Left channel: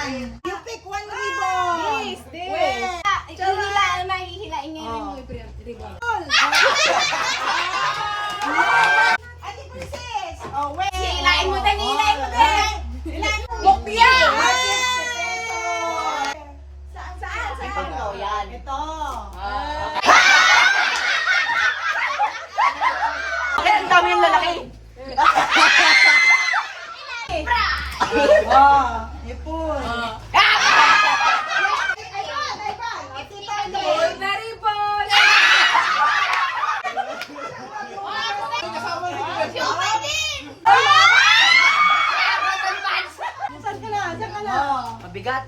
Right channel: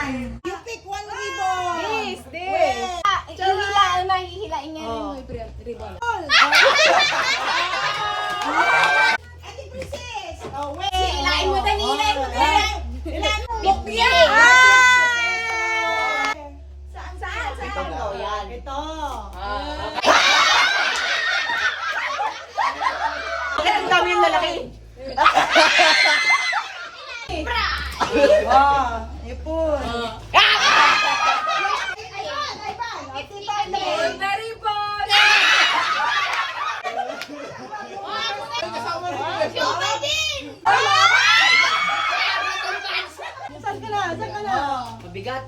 You pick one ribbon. This. Hihilain na, hihilain nga yung ribbon. Ate Princess. Oh, wait. Hihilain mo dali, hihilain mo dali. Lupya. Saan? Ito, yan. Ito. Okay, ang dami yung lalaki. Ipon. Hold the ribbon. Saan ka na? Mabigat.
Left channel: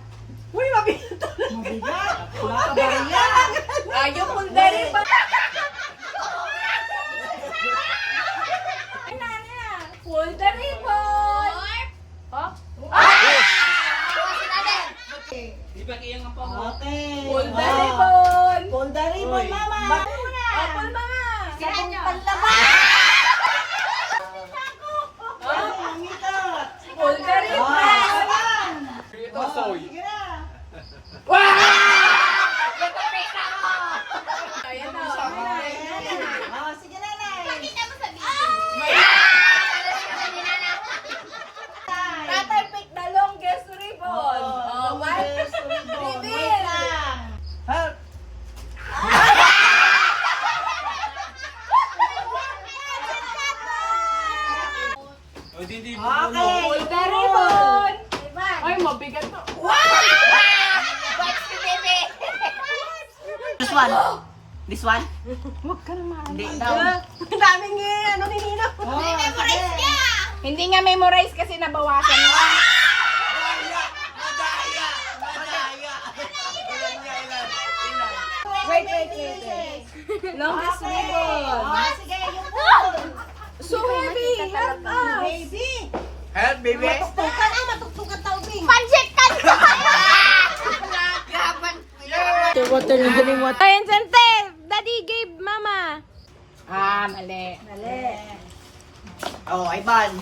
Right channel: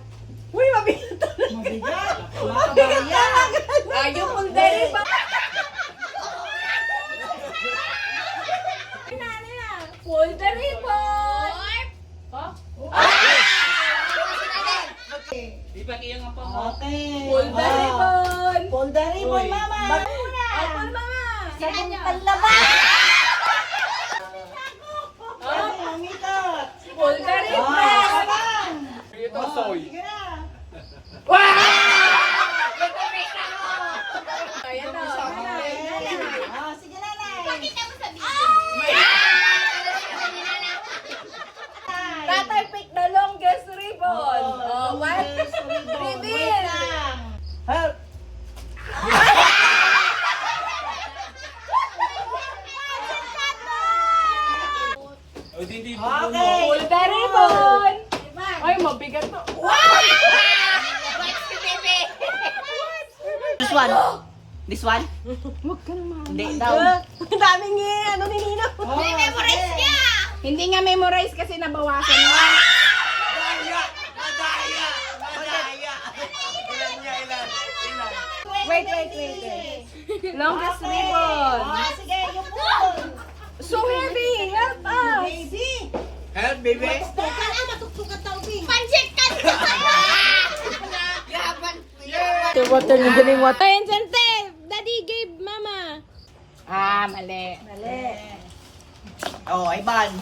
Uy, mabigat. Mabigat. Wala ka ba yan? Ayaw hold the ribbon. Hold the ribbon. Okay. Hold the ribbon. Pull the ribbon, mama. Apple ba nga? Sabong panlaban. Mamikot. Hold the ribbon. Sige na. Ayan na. Sige na, Nay. Tatay, pick the longest ribbon. One, reveal. Help. Okay. Hold the ribbon. Ay, mabigat to. This one? Huwag ka naman. Hindi daw. Ang daming ninino. Memorize ka! Hindi nga memorize kasi nabawasan nga. Wait. Longest ribbon. Sige, yung pull. So heavy. Help us. Baby. Help, baby. Matuktukan tao, Bing. Pansit ka! Water na galing water. Ayan, Sante. Daddy gave mama. Mali. Oh, Ivan.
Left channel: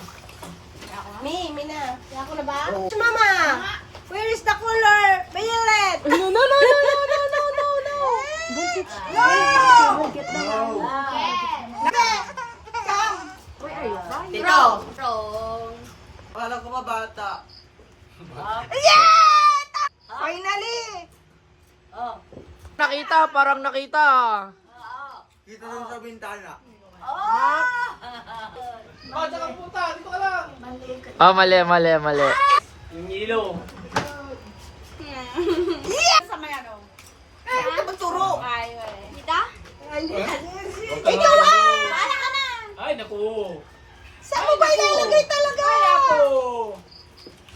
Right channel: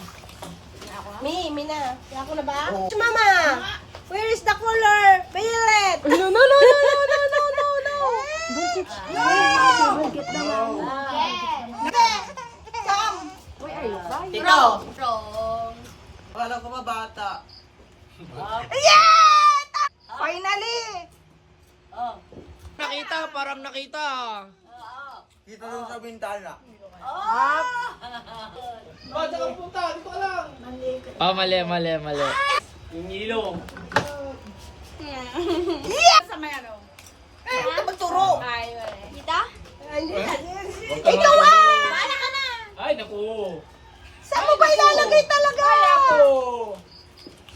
Mina. Ako na ba? Mama, where is the color? Violet. No. No! Ito. Kala ko ba bata? Finally! Nakita, parang nakita. Dito lang sa bintana. Oh, mali. Yung ilaw. Magturo! Ay, naku. Saan ba ilalagay talaga?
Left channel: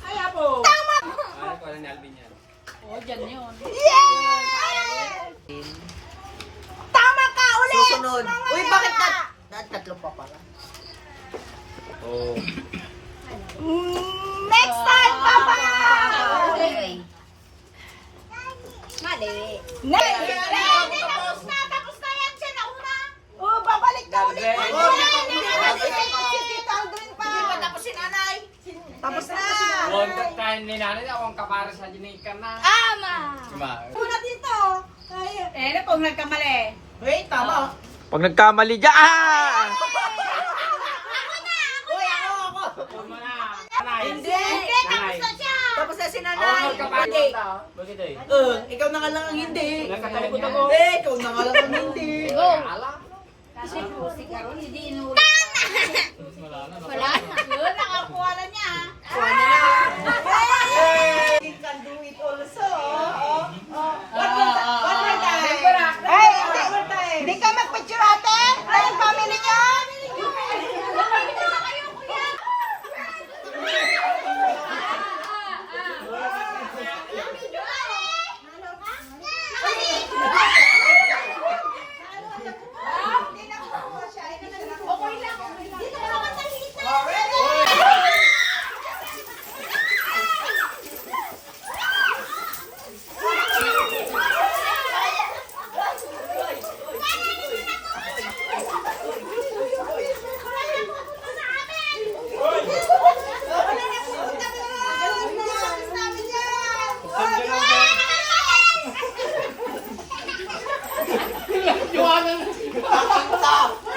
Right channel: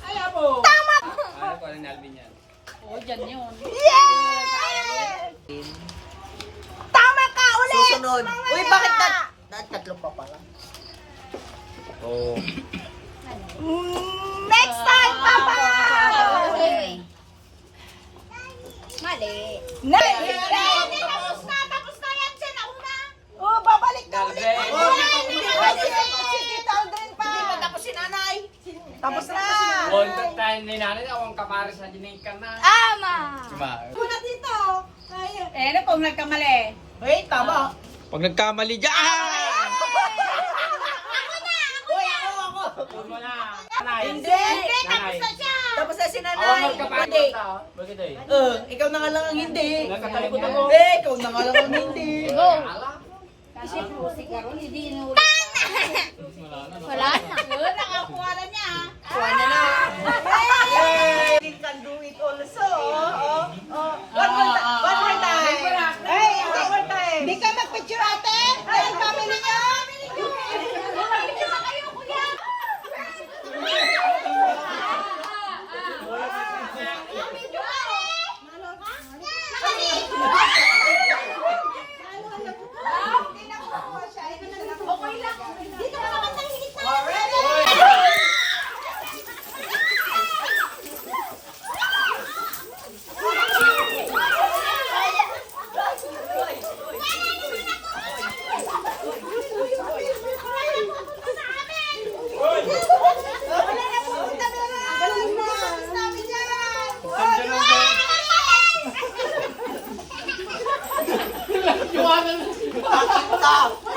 Ay, apo. Alam ko na Alvin yan. Tama ka ulit! Susunod. Uy, bakit na? Tatlo pa pala. Oh. Next time, Papa! Mali. Tapos na yan, sinauna. Oh, babalik na ulit. Tapos si nanay. Tapos na. Huwag ka tayo ni nanay, ako ang kapare sa dinig ka na. Ama. Ba? Muna dito. Ano pong nagkamali? Uy, tama. Pag nagkamali dyan! Uy, ako. Tama na. Nanay. Hindi. Nanay. Tapos na si Ako nanay. ang kapare Hindi. ko. Bakit eh? Ikaw na nga lang ang hindi. Nagkakalit na mo. Hindi, ikaw na nga lang ang hindi. Ala. Wala na. Nakakuha na niya. You can do it also. One more time. Hey, one more time. Hindi kayo mag-picture ate? Ay, family niya? Okay na. Kita!